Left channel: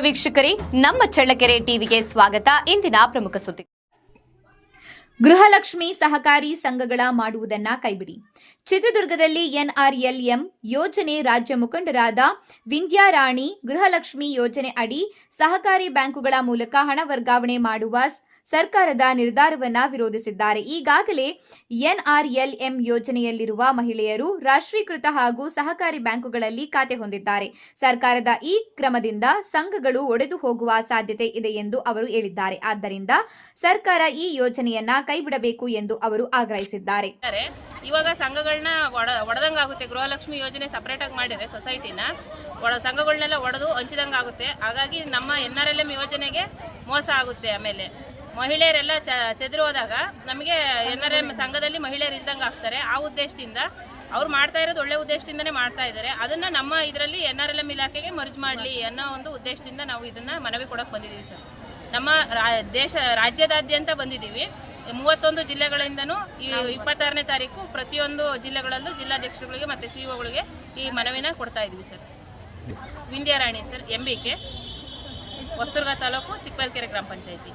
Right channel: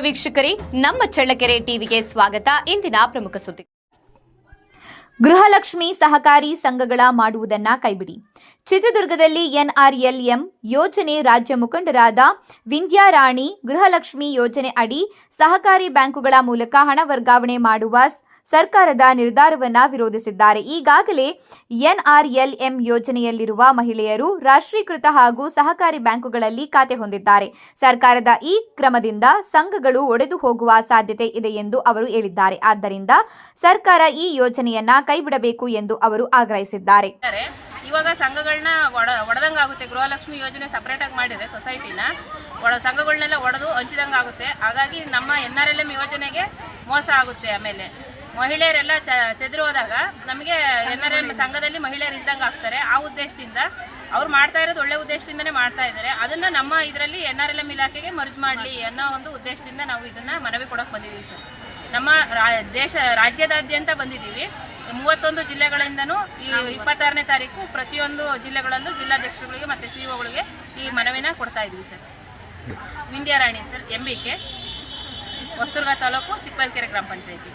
ವೀಕ್ಷಕರೇ, ನಮ್ಮ ಚಳ್ಳಕೆರೆ ಟಿವಿಗೆ ಸ್ವಾಗತ. ಇಂದಿನ ಪ್ರಮುಖ ಸುದ್ದಿ. ಗೃಹಲಕ್ಷ್ಮಿ ಸಹಕಾರಿ ಸಂಘಗಳ ಮಾಡುವುದನ್ನ ಕೈಬಿಡಿ. ಚಿತ್ರದುರ್ಗದಲ್ಲಿ ಎನ್ಆರ್ಎಲ್ಎಂ ಯೋಜನೆ ರಾಜ್ಯ ಮುಖಂಡರಾದ ವಿಂಧ್ಯಾರಾಣಿ ಗೃಹಲಕ್ಷ್ಮಿ ಯೋಜನೆ ಅಡಿ ಸಹಕಾರಿ ಬ್ಯಾಂಕುಗಳ ಮೂಲಕ ಹಣ ವರ್ಗಾವಣೆ ಮಾಡುವ ಸರ್ಕಾರದ ನಿರ್ಧಾರವನ್ನು ವಿರೋಧಿಸಿದ್ದಾರೆ. ಈಗಾಗಲೇ ಎನ್ಆರ್ಎಲ್ಎಂ ಯೋಜನೆಯಲ್ಲಿರುವ ಮಹಿಳೆಯರು ರಾಷ್ಟ್ರೀಕೃತ ಹಾಗೂ ಸಹಕಾರಿ ಬ್ಯಾಂಕುಗಳಲ್ಲಿ ಖಾತೆ ಹೊಂದಿದ್ದಾರೆ. ಸರ್ಕಾರದ ಈ ಕ್ರಮದಿಂದ ಸಂಘಗಳು ಒಡೆದು ಹೋಗುವ ಸಾಧ್ಯತೆ ಇದೆ ಎಂದು ಅವರು ಹೇಳಿದ್ದಾರೆ. ಆದ್ದರಿಂದ ಸರ್ಕಾರ ಈ ಯೋಜನೆಯನ್ನ ಕೈಬಿಡಬೇಕು ಎಂದು ಅವರು ಆಗ್ರಹಿಸಿದ್ದಾರೆ. ಇವಾಗ ಸಂಘಗಳನ್ನ ಒಡ, ಒಡೆದಂಗಾಗುತ್ತೆ. ಗೃಹಲಕ್ಷ್ಮಿ ಯೋಜನೆ ಸಪ್ರೇಟಾಗಿ ಮಾಡಿದೆ ಸೊಸೈಟಿನ ಒಡ ಸಂಘಗಳನ್ನೆಲ್ಲ ಒಡೆದು ಹಂಚಿದಂಗೆ ಆಗುತ್ತೆ ಹಾಗಾಗಿ ನಮ್ಮ ಎನ್ ಆರ್ ಎಲ್ ಎಂ ಯೋಜನೆಗೆ ಮೋಸ ಆಗುತ್ತೆ ಆಮೇಲೆ. ಮಹಿಳೆಯರೆಲ್ಲ ಚ ಹೋದಾಗ ನಮಗೆ ಎನ್ ಆರ್ ಎಂ ಸಂಘದಲ್ಲಿ ಮಹಿಳೆಯರು ಇದ್ದಂಗೆ ಆಗ್ತಾರೆ. ಆ ಉದ್ದೇಶದಿಂದ ಅವ್ರು ಮಾಡ್ತಾ ಇರೋದು ಒಳ್ಳೆ ಉದ್ದೇಶದಿಂದನೇ ಮಾಡ್ತಾ ಇದ್ದಾರೆ. ಅದನ್ನ ನಮ್ಮ ಇದರಲ್ಲಿ ಎನ್ ಆರ್ ಎಲ್ ಎಂ ಇಲಾಖೆಗೆ ಮರ್ಜ್ ಮಾಡಲಿ ಅನ್ನೋ ಒಂದು ಉದ್ದೇಶದಿಂದ ನಾವು ಇದನ್ನ ಮನವಿ ಕೊಡಕ್ಕೆ ಬಂದಿದ್ದೀವಿ ಸರ್. ನಮ್ಮ ದೇಶ, ರಾಜ್ಯದಾದ್ಯಂತ ಬಂದಿದ್ದೀವಿ. ಮೂವತ್ತೊಂದು ಜಿಲ್ಲೆಗಳಿಂದನೂ ಈ ಇಪ್ಪತ್ತಾರನೇ ತಾರೀಕು ಪ್ರತಿಯೊಂದು ಜಿಲ್ಲೆಗಳಲ್ಲೂ ಜಿಲ್ಲಾಧ್ಯಕ್ಷರುಗಳಿಗೆ ಮತ್ತು ಸಿ ಒಗಳಿಗೆ ಈ ಮನವಿನ ಕೊಡ್ತಾ ಇದ್ದೀವಿ sir. Vindhyarani sir, M B K taluk Chikkaballakere ಗ್ರಾಮ ಪಂಚಾಯತಿ.